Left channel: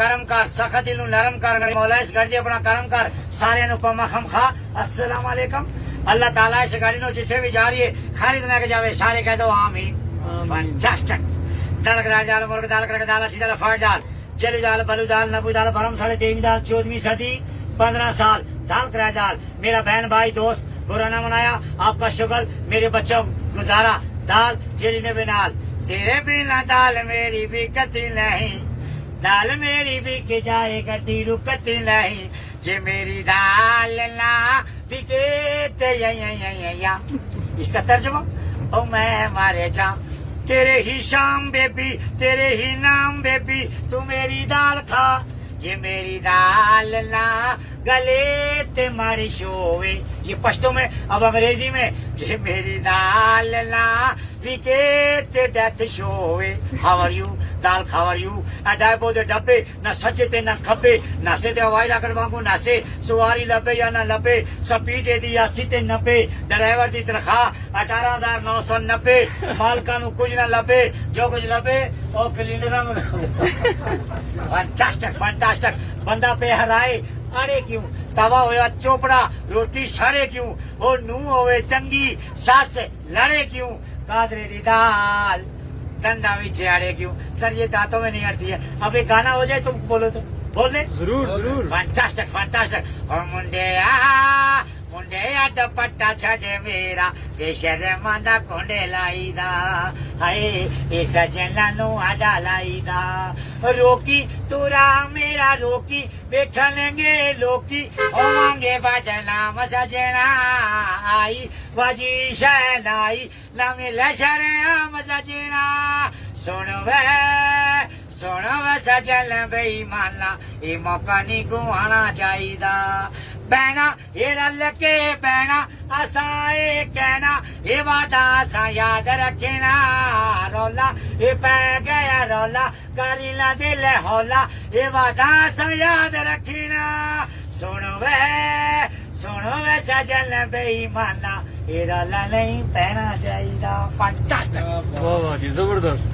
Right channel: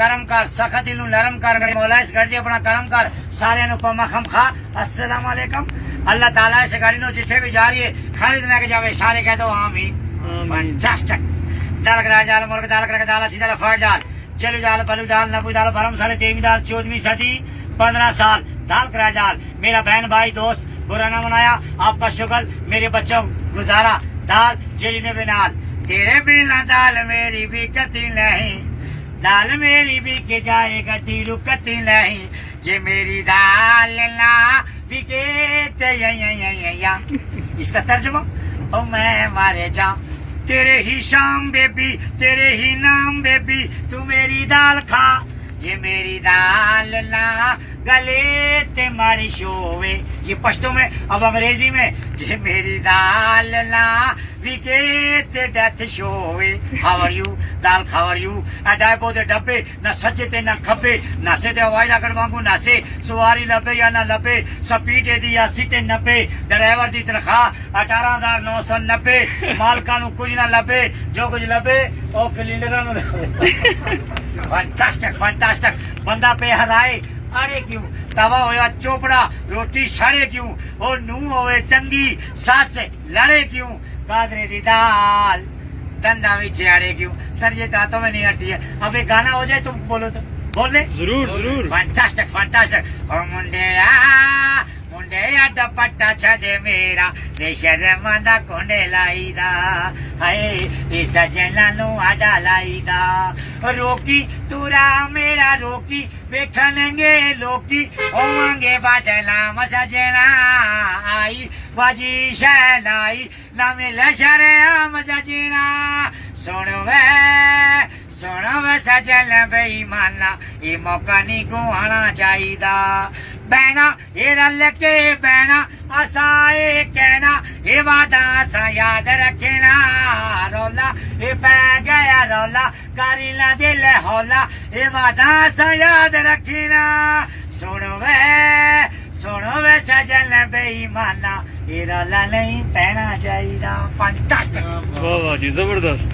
करम कर सखत दिल नरम कर मौला इस गाड़ी अपना करम कर सारे पमा खम खा अस्सलाम वालेकुम अल्लाह ताला इस गाड़ी नो जिथे भी जा रही है खरीद लेके जावे सारे कह दो आमीन फैंटास्टिक दाल करा जाल मुर्ग दाल करा दाल सीधा फट दाल चलू दाल बलू दाल नबू दाल भरम साले 13वीं दाल 14वीं सदी 15 साल दाल करा दाल मेरा बहन भाई दोस्त बुरा ना मनाया आपका शुक्र मेरे बच्चों गुजारा दाल जेली ने बिनाल तेरे बिना दाल मेरी भी कती नहीं दाल मेरी भी के जाए गड्डी रुकती नहीं जे मेरी दाल ना बिके या इसका तर्जुमा ओ मैं मारे जाऊं तेरे ही शाम बेबी तेरे ही नाम बेबी तू मेरी दाल खा जे मेरी दाल ना गले ते मारी शोवे ये पश्तो में अब अंग्रेजी में जे मेरी दाल ना विके ते डेथ शोवे हाउ आर यू दाल हाउ आर यू अडाइबो दे डब्बे ना सच्चे ते ना खब्बे ना से ते हवाई लागण वांगू ना से सवारी लबे या ना लबे स्पीड दी 80 ते 90 ड्राइवर दी तनख्वाह 18,990 मालकां नू कुछ ना लबे जो कुछ लबे ओ क्लीनरां नू फैंटास्टिक फैंटास्टिक बंदा पे हराए अड़े क्यों तवा होया चोपड़ा रोटी सड़े क्यों और नू होवे चंगी सास लड़े क्यों कादरे दी दाल दंदा विच अड़े क्यों सर ये दांतों में नहीं अड़ती है अब एक गाना हो जाए तुम बोलो तो बोल दे जरूर जरूर फैंटास्टिक फैंटास्टिक और मुंडे दुपट्टा छड़े मेरा बेशर्मा दा कोंडे लाईदा हाय ए सजना नु आडा लाईदा रोकी तुरा मेरा रोकी वेखणगे लोकी होवांगे बदनाम सजना आई बाजी शहनाई ना मिले शरेआम सजना सुन वे सजन बेईमाना ये मौका नहीं गुआना चाहिदा बहना ये रल के बहना असा ये कहना ये वादा असा याद रखना रौला ये पै गया रौला करी ला दिल हौला ये वादा असा याद रखना सुनो वे सजन बेईमाना ये रौला नहीं पैना चाहिदा फैंटास्टिक वाह वाह जी जबरदस्त